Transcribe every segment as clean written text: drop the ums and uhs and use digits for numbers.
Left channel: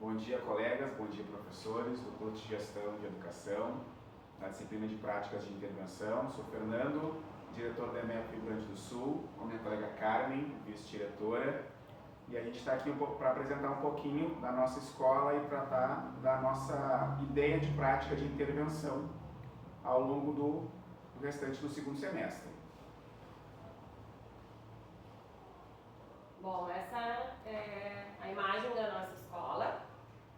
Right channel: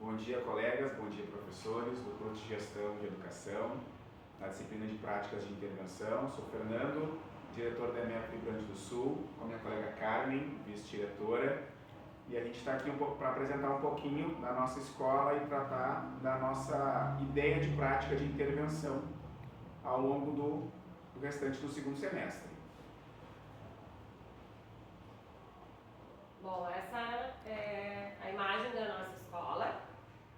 Bom dia, colegas, bom dia, professores, doutor de Gestão e Educação, na disciplina de Práticas de Intervenção. Sou Fernando, diretor da EMEP Rio Grande do Sul, com a minha colega Carmen, vice-diretora, e a gente está aqui para apresentar um pouquinho da nossa escola e tratar da nossa ideia de prática de intervenção ao longo do restante do segundo semestre. Bom, essa é a imagem da nossa escola.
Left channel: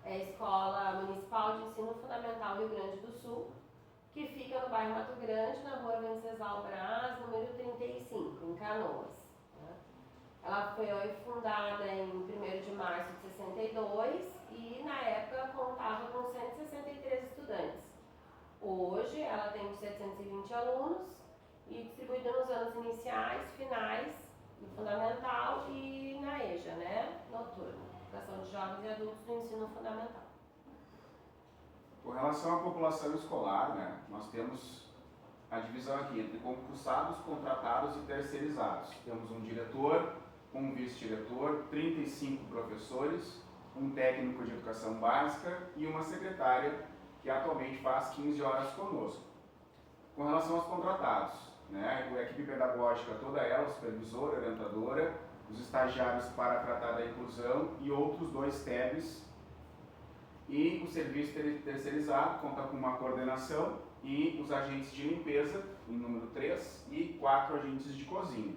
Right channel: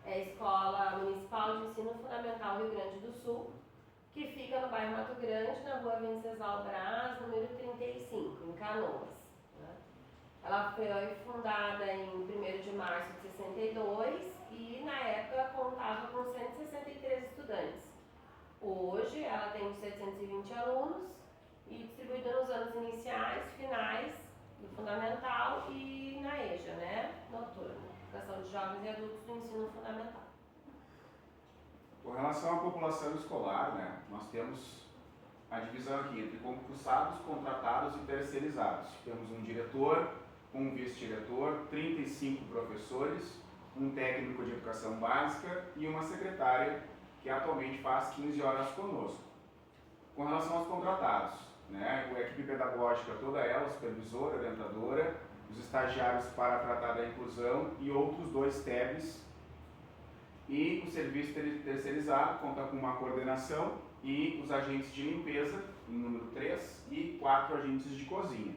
É a Escola Municipal de Ensino Fundamental Rio Grande do Sul, que fica no bairro Mato Grande, na rua Venceslau Braz, número 35, em Canoas. Ela foi fundada em 1º de março de 62 e, na época, contava com 163 estudantes. Hoje, ela tem 720 alunos e distribuída nos anos iniciais, finais, do fundamental e na EJA, né? Noturno, Educação de Jovens e Adultos do Ensino Fundamental. Com relação à população escolar, né, nós temos a divisão aqui entre concursados, contratados e terceirizados. Temos um diretor, um vice-diretor, 35 professores, um técnico de educação básica e uma secretária que atualmente faz 15 horas conosco. Com relação aos contratados, né, a equipe pedagógica toda ela, supervisora, orientadora, os estagiários para tratar da inclusão e outros 2 TEBs. E o serviço terceirizado conta com uma coordenação e os agentes de limpeza, em número 3, e 4 agentes de cozinha.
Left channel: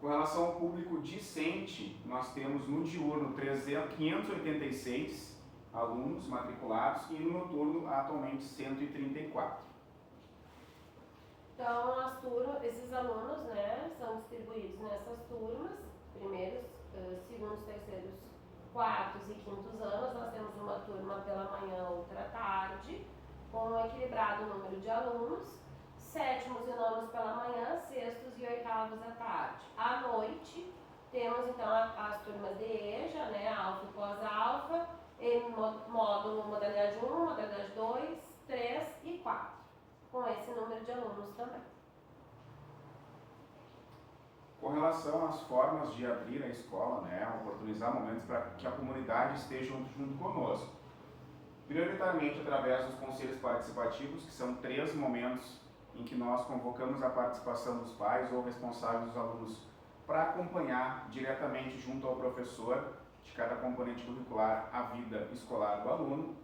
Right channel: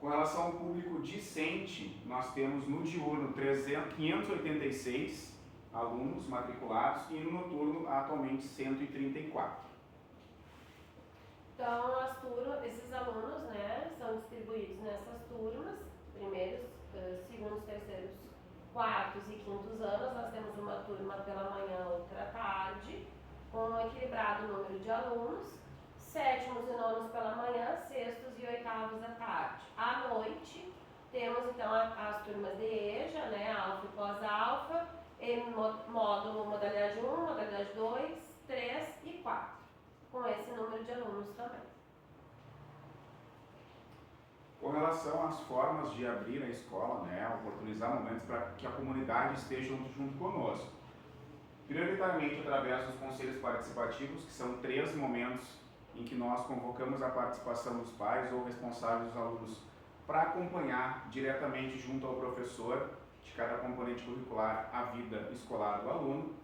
Com relação ao público discente, nós temos no diurno 586 alunos matriculados e no noturno atualmente 134. Então, esses alunos, né, são distribuídos nessas turmas, primeiros, segundos, terceiros, quartos e quintos anos. Nós temos uma turma pela manhã, outra à tarde, com um equilibrado número de alunos, sétimos e nonos pela manhã, sextos e oitavos à tarde. À noite, temos então as turmas de EJA, né, alfa e pós-alfa, em módulo modalidade 1, modalidade 2, 3 e 4. Com esse número de alunos também. Com relação às formas de abrir a escola, né, oportunizar momentos para que a comunidade esteja junto conosco. Prioritariamente através dos conselhos participativos, que são 3 momentos em que nós convocamos a participação dos pais ou responsáveis dos alunos para acompanhar diretamente junto ao professor de cada componente curricular a vida escolar do aluno,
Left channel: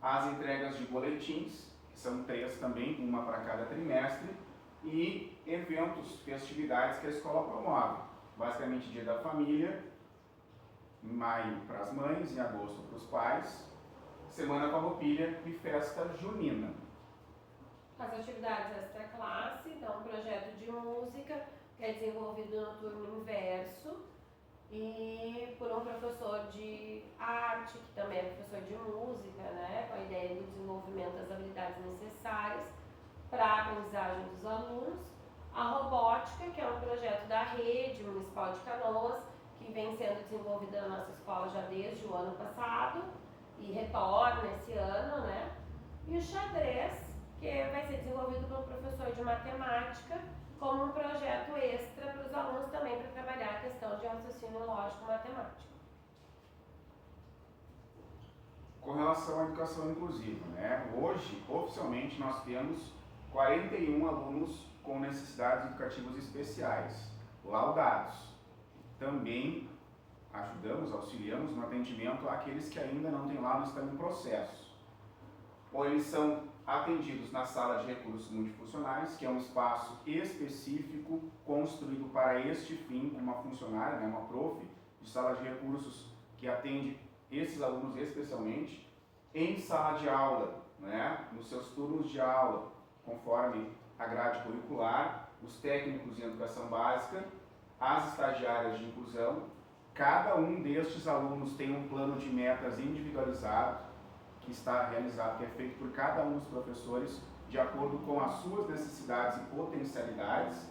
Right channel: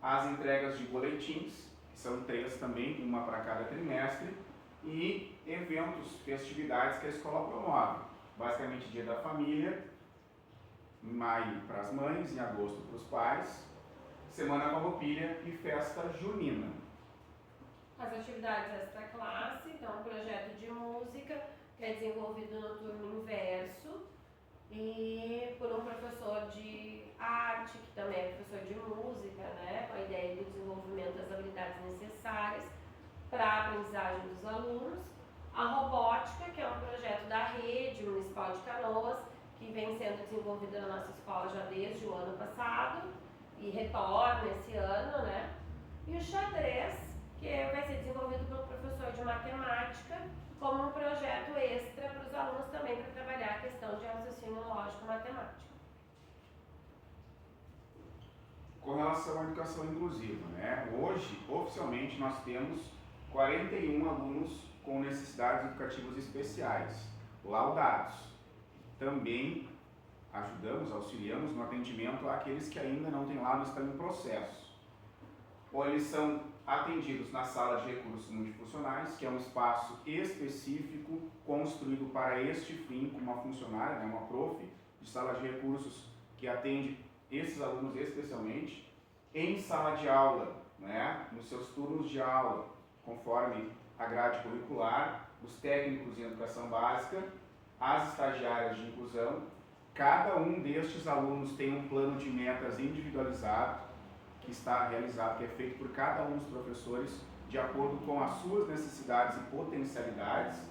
as entregas de boletins, que são 3 também, uma para cada trimestre, e eventos, festividades que a escola promove. Basicamente Dia da Família, em maio para as mães, em agosto para os pais, Semana Farroupilha e Festa Junina. As atividades extra-classe, então um projeto de música que é desenvolvido no turno inverso e por um professor de arte, que também é professor de música, né, com a ideia do desenvolvimento das habilidades necessárias para a aprendizagem dos alunos. A robótica, que é um projeto da Rede Municipal de Canoas, que vem sendo desenvolvida na nossa escola já desde o ano passado e retorna esse ano, né? E o xadrez, que vai ser desenvolvido pelo professor de matemática como um projeto extra para os alunos também para trabalhar a questão de raciocínio lógico-matemático. Com relação à educação inclusiva, né? Hoje, oficialmente, nós temos 41 alunos com necessidades educativas especiais, laudados. Também ajudamos, auxiliamos no atendimento àqueles que ainda não têm laudo e estão em processo. Ou eles são atendidos na sala de recursos multifuncionais, que é um espaço específico construído para este fim, com uma funcionária, né, uma prof, de sala de recursos que atende esses alunos especialmente, em sala de aula, né, nos seus turnos de aula, conforme a grade curricular, os técnicos em educação básica, as estagiárias de inclusão. Cada um destes alunos tem um plano de metas individualizado, que está realizado, que é feito por cada um dos professores, de acordo com as suas necessidades e potencialidades.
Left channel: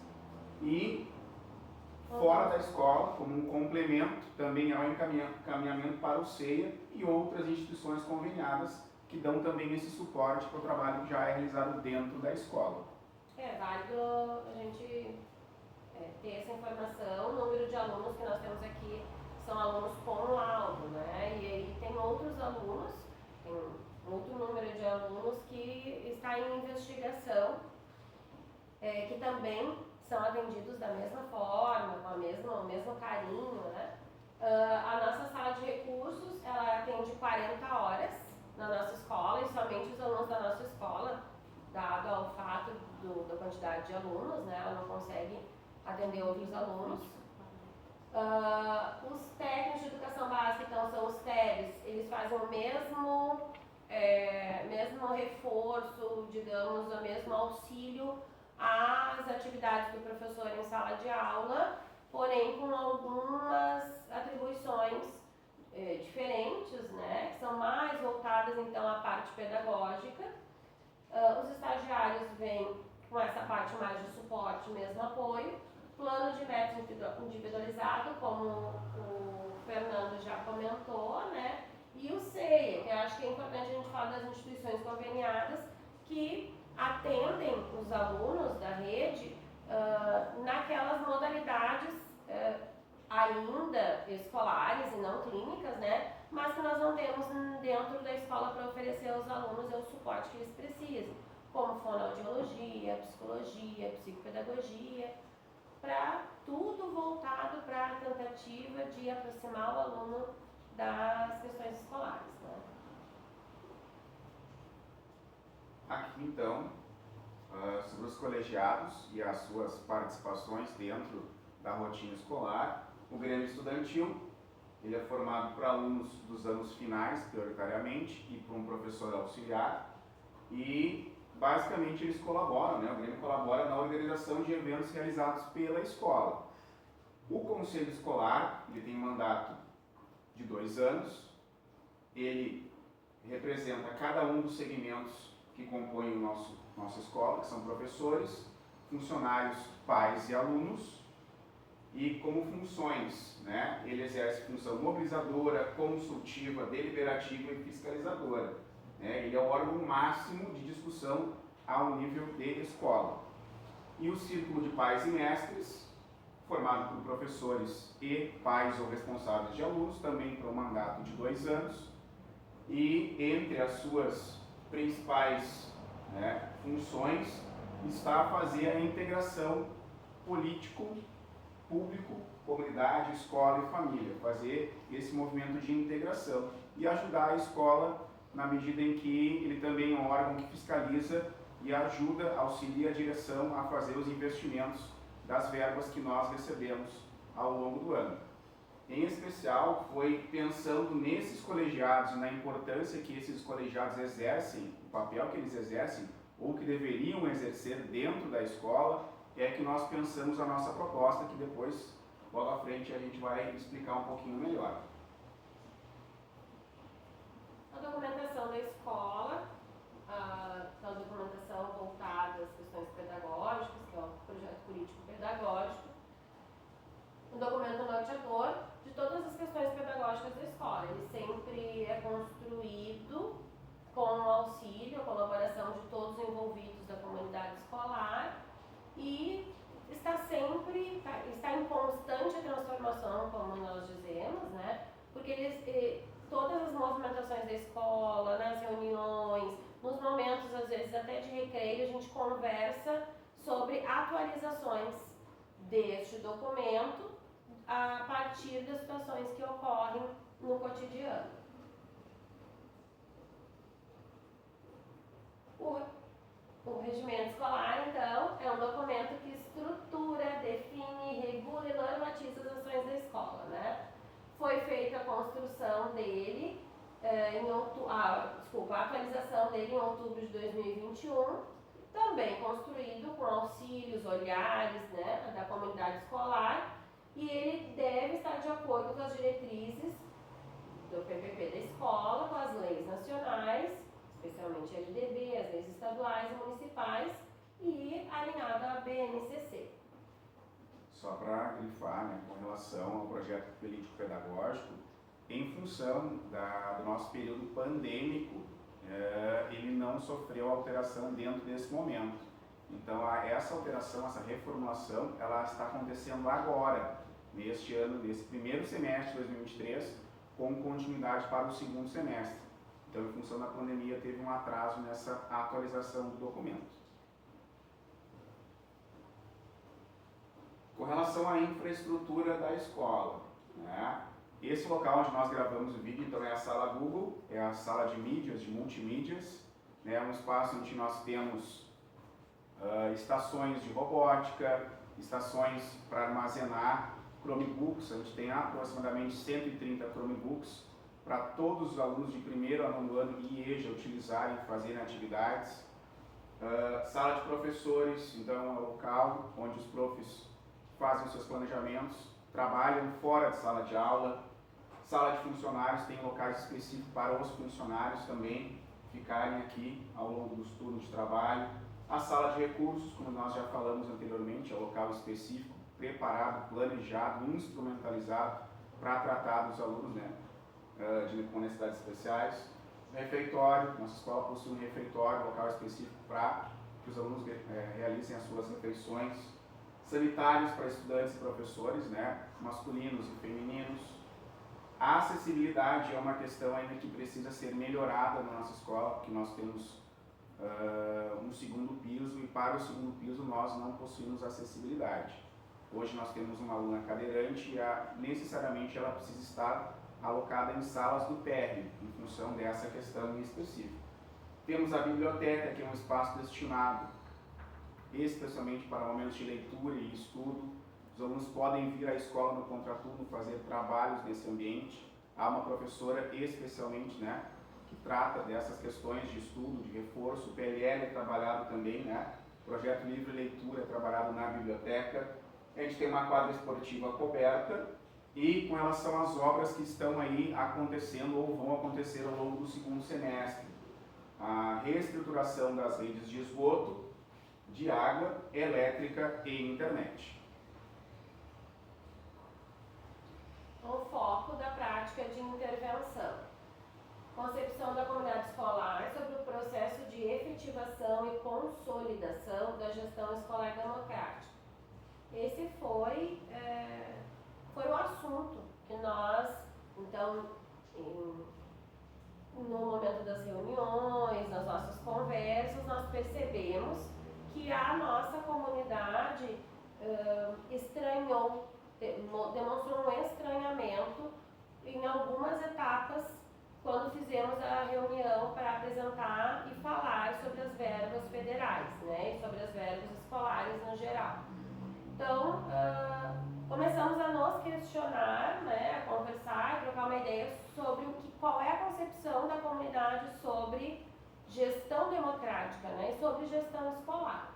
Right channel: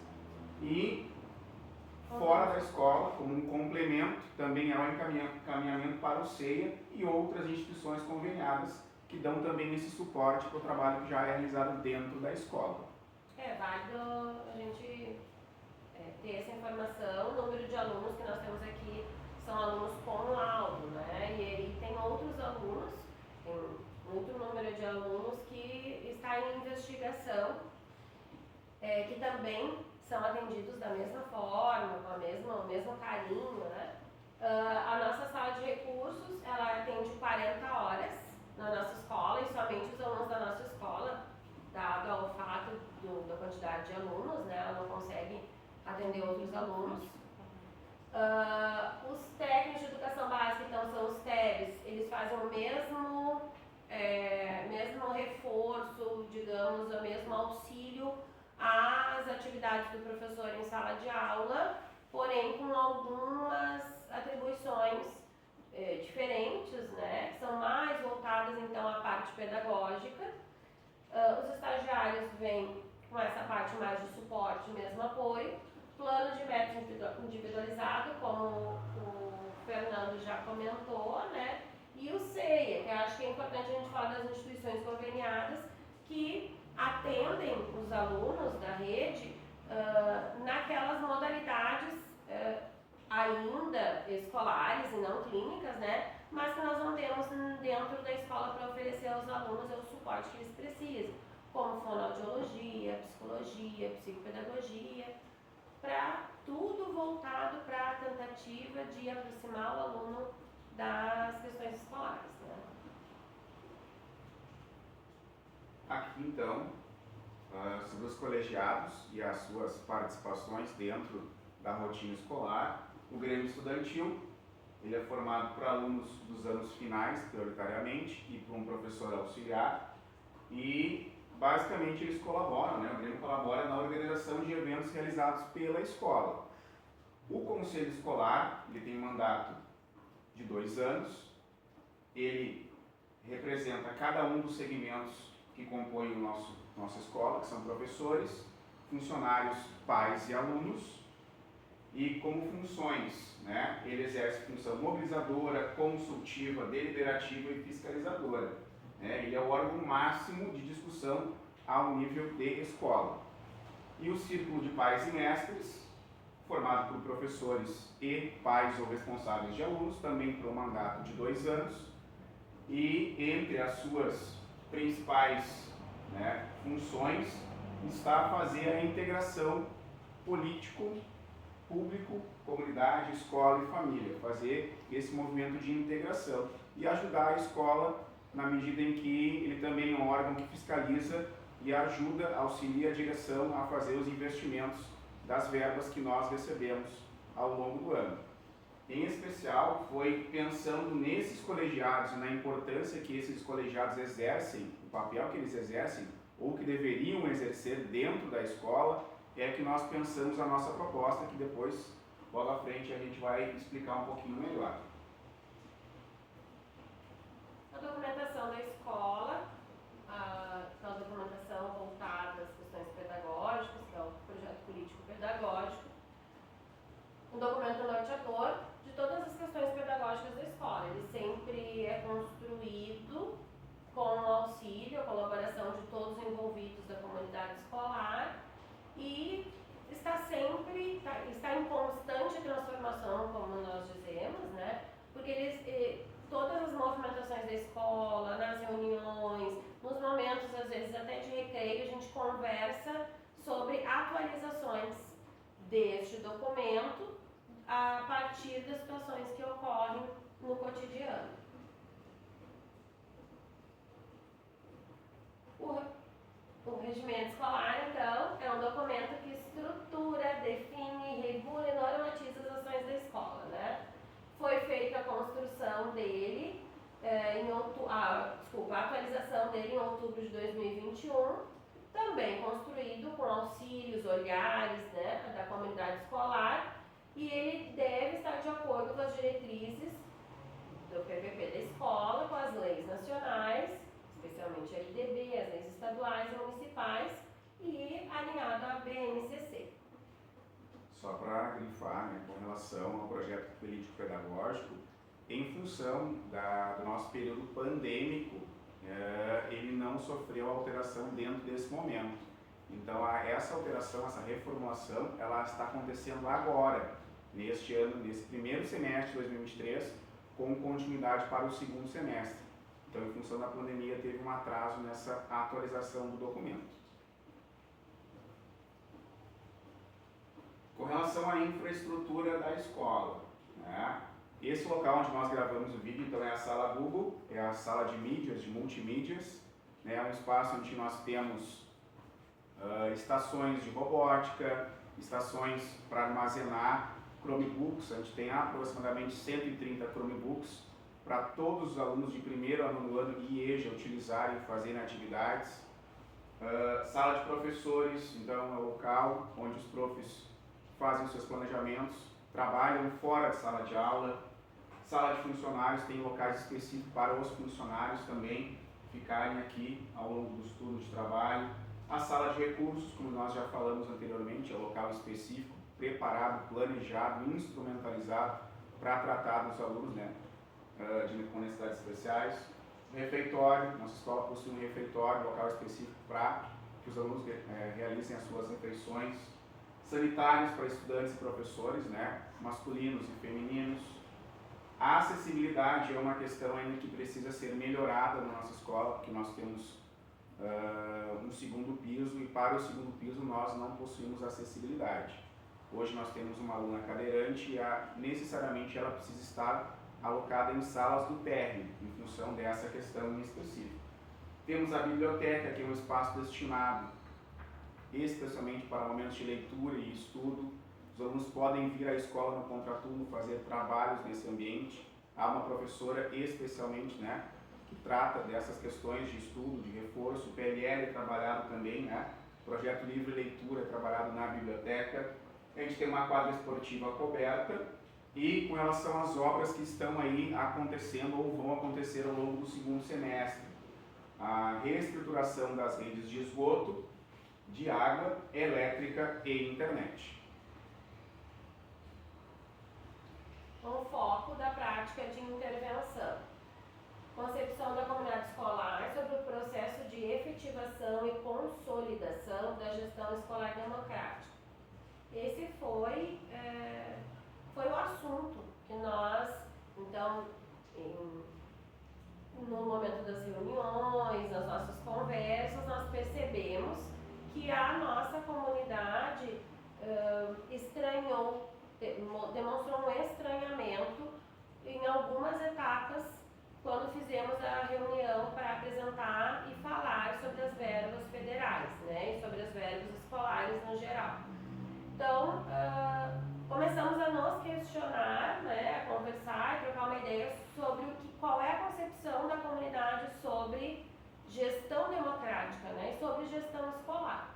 E fora da escola, como um complemento, também há um encaminhamento para o CEIA e outras instituições conveniadas que dão também esse suporte para o trabalho que já é realizado dentro da escola. É válido a gente ter essa informação. O número de alunos que nós temos aqui são alunos com laudo, né? E tem outros alunos, tem muito número de alunos que está em investigação, que também são atendidos da mesma forma, com o mesmo carinho, né? A nossa sala de recursos, ela atende 40 horas na nossa escola, e somente os alunos da nossa escola, dado ao fato da quantidade de alunos, né? Ela não consegue atender outros alunos. Os técnicos de educação básica, então, são os TEBs, eles fazem o mesmo reforço, digamos, o mesmo auxílio às atividades do professor em sala de aula, porém com algumas atribuições diferentes, né, que são mais voltadas, então, à parte pedagógica. Os estagiários vêm com essa parte mais de suporte, mesmo apoio. Plano de metas individualizado, como o Fernando já comentou, né? E o CEIA, que eu acho que é importante a gente falar das instituições conveniadas que atendem os alunos da rede naquelas modalidades ainda escolares e não clínicas, né? Mas que nós não temos dentro da escola para oferecer aos alunos o suporte que eles precisam, como fonoaudiologia, psicologia, psicopedagogia, para tudo voltado para a tentativa de aproximar o aluno das questões escolares, né? Aqui, então, sobre os colegiados e as suas participações dentro da rotina escolar, o Grêmio Estudantil, ele é formado por alunos dos anos finais, prioritariamente, e por um professor auxiliar, e basicamente eles colaboram, né? O Grêmio colabora na organização de eventos realizados pela escola. O Conselho Escolar, ele tem um mandato de 2 anos, ele representa cada um dos segmentos que compõem nossa escola, que são professores, funcionários, pais e alunos, e como funções, né? Ele exerce função mobilizadora, consultiva, deliberativa e fiscalizadora. Ele é o órgão máximo de discussão ao nível de escola. E o Círculo de Pais e Mestres, formado por professores e pais ou responsáveis de alunos, também por um mandato de 2 anos, e entre as suas principais, né, funções está fazer a integração político, público, comunidade, escola e família, fazer esse movimento de integração e ajudar a escola na medida em que ele também é um órgão que fiscaliza e ajuda, auxilia a direção a fazer os investimentos das verbas que nós recebemos ao longo do ano. Em especial, foi pensando nesses colegiados e na importância que esses colegiados exercem, o papel que eles exercem ou que deveriam exercer dentro da escola, que nós pensamos a nossa proposta, que depois, logo à frente, a gente vai explicar um pouquinho melhor. A documentação da escola, a documentação voltada às questões pedagógicas, que é o projeto político-pedagógico, um documento norteador de todas as questões pedagógicas da escola. Ele sempre é construído com o auxílio, a colaboração de todos os envolvidos da comunidade escolar e está em constante transformação, como nós dizemos, né? Porque todas as movimentações da escola, nas reuniões, nos momentos, às vezes até de recreio, a gente conversa sobre atualizações deste documento a partir das situações que ocorrem no cotidiano. O regimento escolar, então, é um documento que estrutura, define, regula e normatiza as ações da escola, né? Foi feita a construção dele, a atualização dele em outubro de 2021, também construído com auxílios, olhares, né, da comunidade escolar, e ele deve estar de acordo com as diretrizes do PPP da escola, com as leis nacionais, especialmente a LDB, as leis estaduais e municipais, e alinhado à BNCC. Só para grifar, né, com relação ao projeto político-pedagógico, em função do nosso período pandêmico, ele não sofreu alteração dentro desse momento. Então, essa alteração, essa reformulação, ela está acontecendo agora, neste ano, nesse primeiro semestre de 2023, com continuidade para o segundo semestre. Então, em função da pandemia, teve um atraso nessa atualização do documento. Com relação à infraestrutura da escola, né? Esse local onde nós gravamos o vídeo, então, é a sala Google, é a sala de mídias, de multimídias, né? É um espaço onde nós temos estações de robótica, estações para armazenar Chromebooks. A gente tem aproximadamente 130 Chromebooks para todos os alunos de primeiro a nono ano e EJA utilizarem e fazerem atividades. Sala de professores, então é o local onde os profs fazem os seus planejamentos, trabalham fora de sala de aula. Sala de funcionários, tem locais específicos para os funcionários também ficarem aqui ao longo dos turnos de trabalho. A sala de recursos, como nós já falamos anteriormente, é um local específico, preparado, planejado, instrumentalizado para tratar dos alunos, né, com necessidades especiais. Refeitório, nossa escola possui um refeitório, local específico para que os alunos realizem as suas refeições. Sanitários para estudantes e professores, né, masculinos e femininos. A acessibilidade é uma questão ainda que precisa ser melhorada na nossa escola, porque nós temos um segundo piso e para o segundo piso nós não possuímos acessibilidade. Hoje nós temos uma aluna cadeirante e necessariamente ela precisa estar alocada em salas do térreo, em função dessa questão em específico. Temos a biblioteca, que é um espaço destinado especialmente para momentos de leitura e estudo. Os alunos podem vir à escola no contraturno fazer trabalhos nesse ambiente. Há uma professora especialmente, né, que trata dessas questões de estudo, de reforço. O PLL é trabalhado também, né? Projeto Livre Leitura é trabalhado na biblioteca. A gente tem uma quadra esportiva coberta e com relação às obras que estão aí acontecendo ou vão acontecer ao longo do segundo semestre. A reestruturação das redes de esgoto, de água, elétrica e internet. O foco da prática de intervenção. Concepção da comunidade escolar sobre o processo de efetivação e consolidação da gestão escolar democrática. Esse foi o assunto que nós, então, no momento das reuniões, nas nossas conversas, nós percebemos que a nossa comunidade estranhou, demonstrou um estranhamento em algumas etapas quando fizemos a reunião para apresentar e falar sobre as verbas federais, né, e sobre as verbas escolares no geral. Então, começamos a nos questionar, né, a conversar e trocar uma ideia sobre qual é a concepção da comunidade sobre gestão democrática, né, e sobre gestão escolar.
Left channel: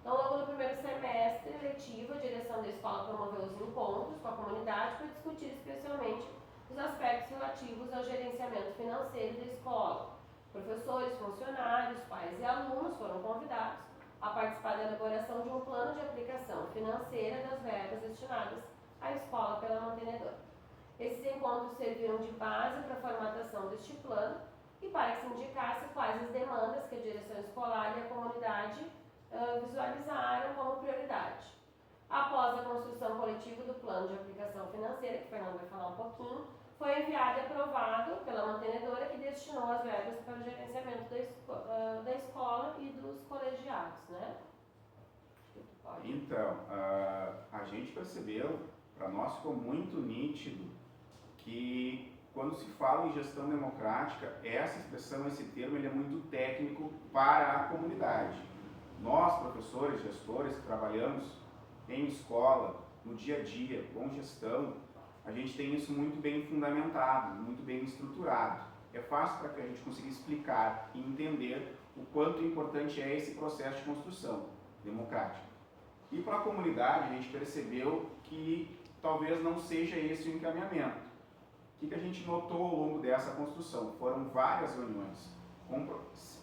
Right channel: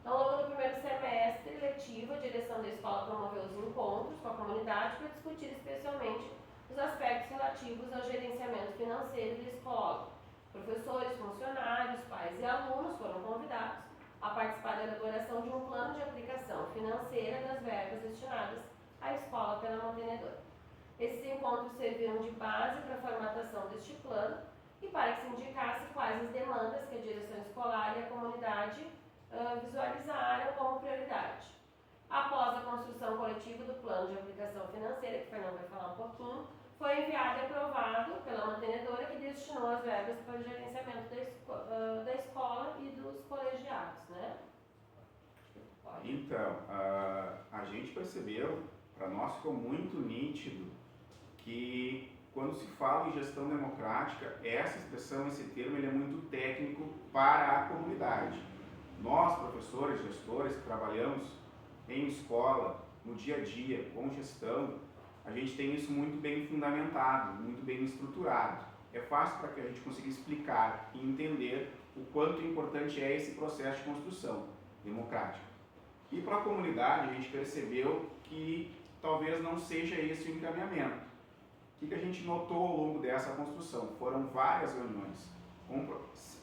Então, ao longo do primeiro semestre letivo, a direção da escola promoveu os encontros com a comunidade para discutir especialmente os aspectos relativos ao gerenciamento financeiro da escola. Professores, funcionários, pais e alunos foram convidados a participar da elaboração de um plano de aplicação financeira das verbas destinadas à escola pela mantenedora. Esses encontros serviram de base para a formatação deste plano e para que se indicasse quais as demandas que a direção escolar e a comunidade visualizaram como prioridade. Após a construção coletiva do plano de aplicação financeira, que o Fernando vai falar um pouquinho, foi enviado e aprovado pela mantenedora, que destinou as verbas para o gerenciamento da escola e dos colegiados, né? Então, a gente percebeu, para nós ficou muito nítido, que quando se fala em gestão democrática, essa expressão, esse termo, ele é muito técnico para a comunidade. Nós, professores, gestores que trabalhamos em escola, no dia a dia, com gestão, a gente tem isso muito bem fundamentado, muito bem estruturado. É fácil para que a gente consiga explicar e entender o quanto importante é esse processo de construção democrática. E para a comunidade, a gente percebeu que talvez não seja esse o encaminhamento. O que a gente notou ao longo dessa construção? Foram várias reuniões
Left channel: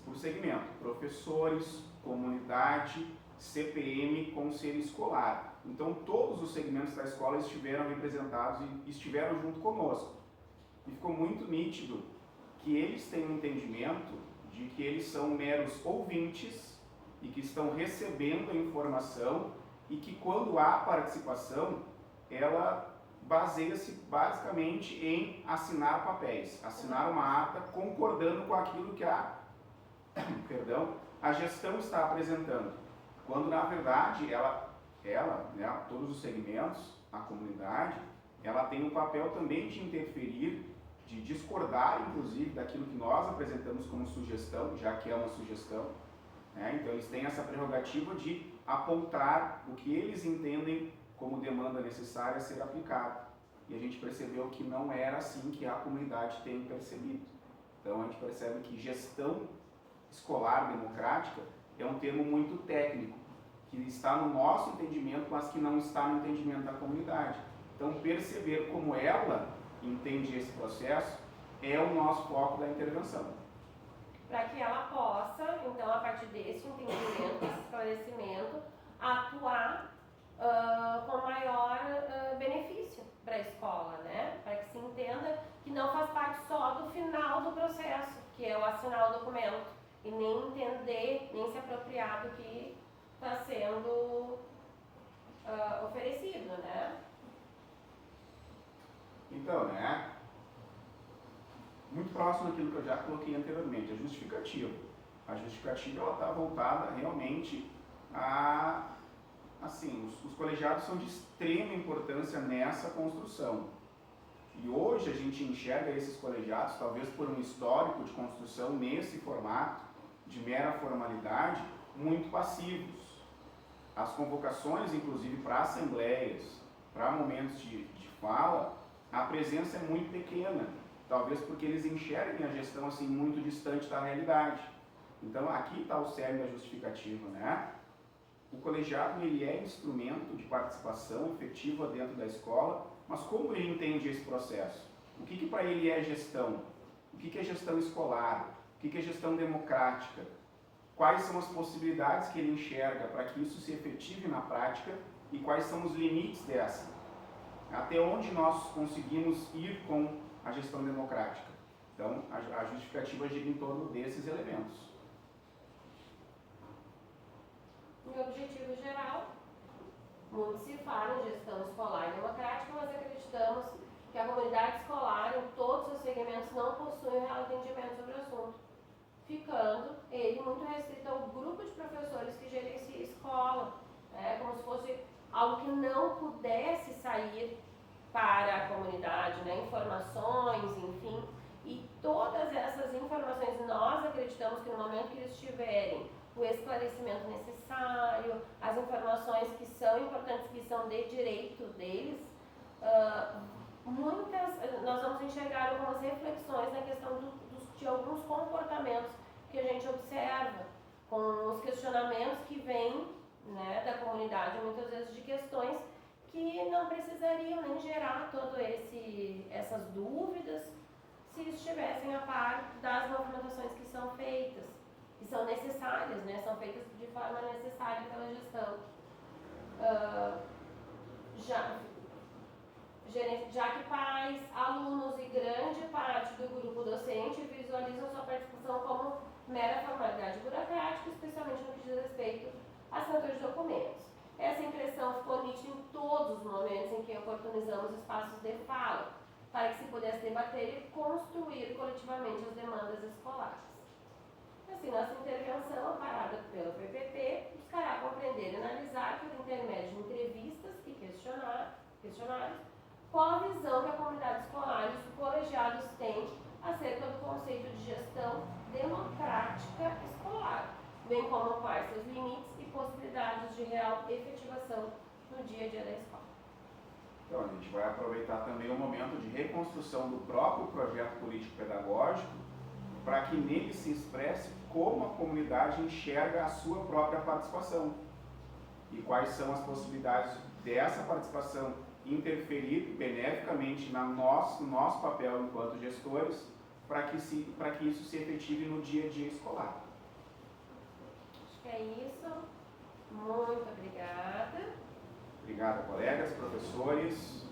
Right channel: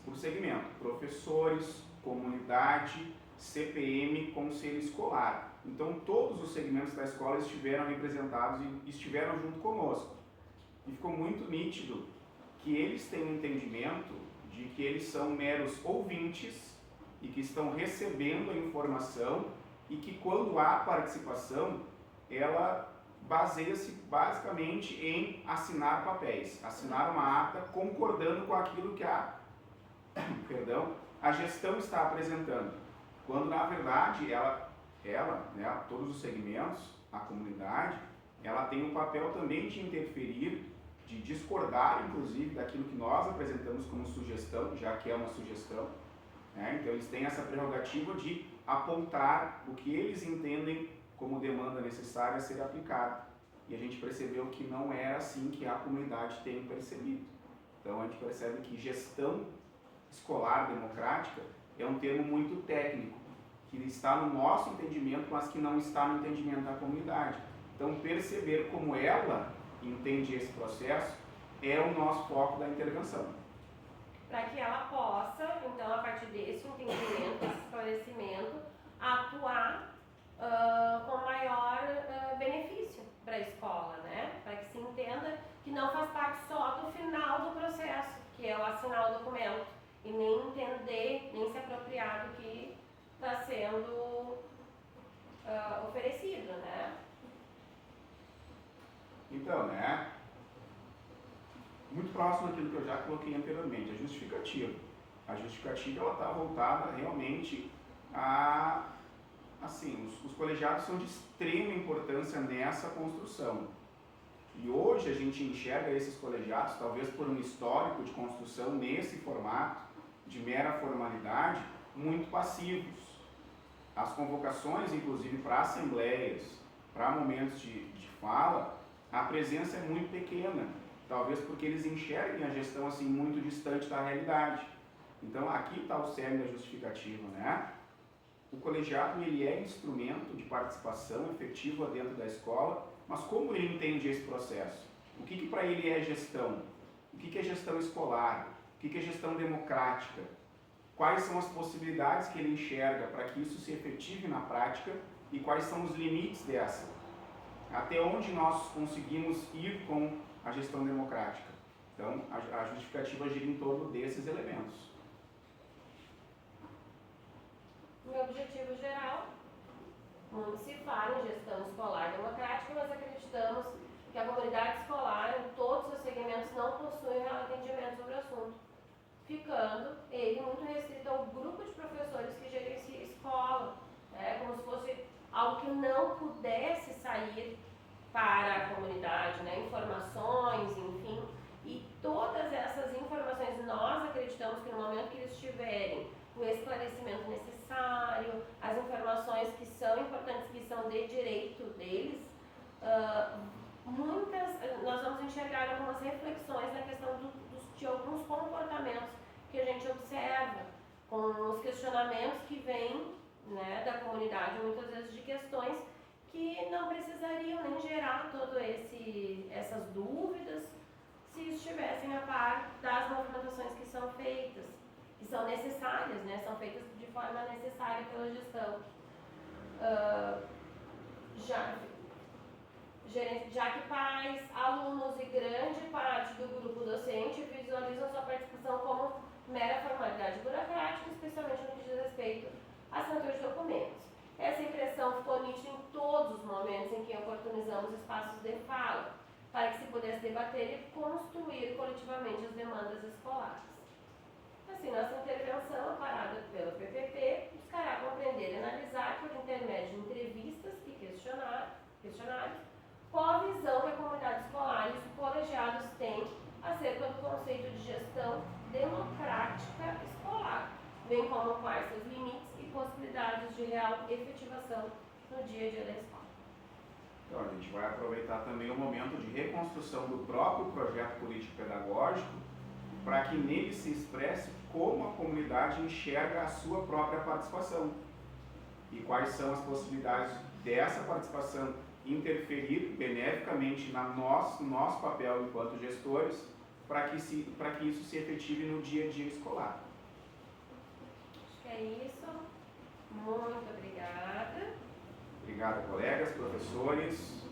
por segmento: professores, comunidade, CPM, conselho escolar. Então todos os segmentos da escola estiveram representados e estiveram junto conosco. E ficou muito nítido que eles têm um entendimento de que eles são meros ouvintes e que estão recebendo a informação e que quando há participação, ela baseia-se basicamente em assinar papéis, assinar uma ata concordando com aquilo que a gestão está apresentando, quando na verdade ela, né, todos os segmentos, a comunidade, ela tem o papel também de interferir, de discordar inclusive daquilo que nós apresentamos como sugestão, já que é uma sugestão, né? Então eles têm essa prerrogativa de apontar o que eles entendem como demanda necessária a ser aplicada. E a gente percebeu que não era assim que a comunidade tem percebido. Então a gente percebe que gestão escolar democrática é um termo muito técnico, que está no nosso entendimento, mas que não está no entendimento da comunidade. Então perceber como ela entende esse processo é o nosso foco da intervenção. Para que ela possa, então, a partir desse entendimento, desse esclarecimento, atuar com maior benefício para a escola, né? Para que se entenda que não faz parte só do final do processo, que é o assinar o documento, e nem entender, nem se apropriar do que está sendo oferecido, né? Então, né? Muito próximo daquilo que eu já coloquei anteriormente, a justificativa. A justificativa ela está voltada realmente a, assim, os colegiados são de extrema importância nessa construção. E hoje a gente enxerga esses colegiados, talvez por um histórico de construção nesse formato, de mera formalidade, muito passivos. As convocações, inclusive para assembleias, para momentos de fala, a presença é muito pequena. Talvez porque eles enxerguem a gestão assim muito distante da realidade. Então aqui está o cerne da justificativa, né? O colegiado ele é instrumento de participação efetiva dentro da escola, mas como ele entende esse processo? O que para ele é gestão? O que é gestão escolar? O que é gestão democrática? Quais são as possibilidades que ele enxerga para que isso se efetive na prática e quais são os limites dessa? Até onde nós conseguimos ir com a gestão democrática? Então, a justificativa gira em torno desses elementos. No objetivo geral, muito se fala em gestão escolar democrática, mas acreditamos que a comunidade escolar, em todos os segmentos, não possui real entendimento sobre o assunto, ficando ele muito restrito ao grupo de professores que gerencia a escola, né? Como se fosse algo que não pudesse sair para a comunidade, né? Informações, enfim, e todas essas informações nós acreditamos que no momento que eles tiverem o esclarecimento necessário, as informações que são importantes, que são de direito deles, nós vamos enxergar algumas reflexões na questão de alguns comportamentos que a gente observa, com os questionamentos que vêm, né, da comunidade, muitas vezes de questões que não precisariam nem gerar todas essas dúvidas se estivessem a par das movimentações que são feitas, que são necessárias, né? São feitas de forma necessária pela gestão. Já que pais, alunos e grande parte do grupo docente visualizam sua participação como mera formalidade burocrática, especialmente no que diz respeito à assinatura de documentos. Essa impressão ficou nítida em todos os momentos em que oportunizamos espaços de fala, para que se pudesse debater e construir coletivamente as demandas escolares. Assim, nossa intervenção, amparada pelo PPP, buscará compreender e analisar, por intermédio de entrevistas e questionários, qual a visão que a comunidade escolar e os colegiados têm acerca do conceito de gestão democrática escolar, bem como quais seus limites e possibilidades de real efetivação no dia a dia da escola. Então, a gente vai aproveitar também o momento de reconstrução do próprio projeto político-pedagógico para que nele se expresse como a comunidade enxerga a sua própria participação e quais são as possibilidades dessa participação interferir beneficamente no nosso papel enquanto gestores para que isso se efetive no dia a dia escolar. Acho que é isso. Muito obrigada. Obrigado, colegas, professores.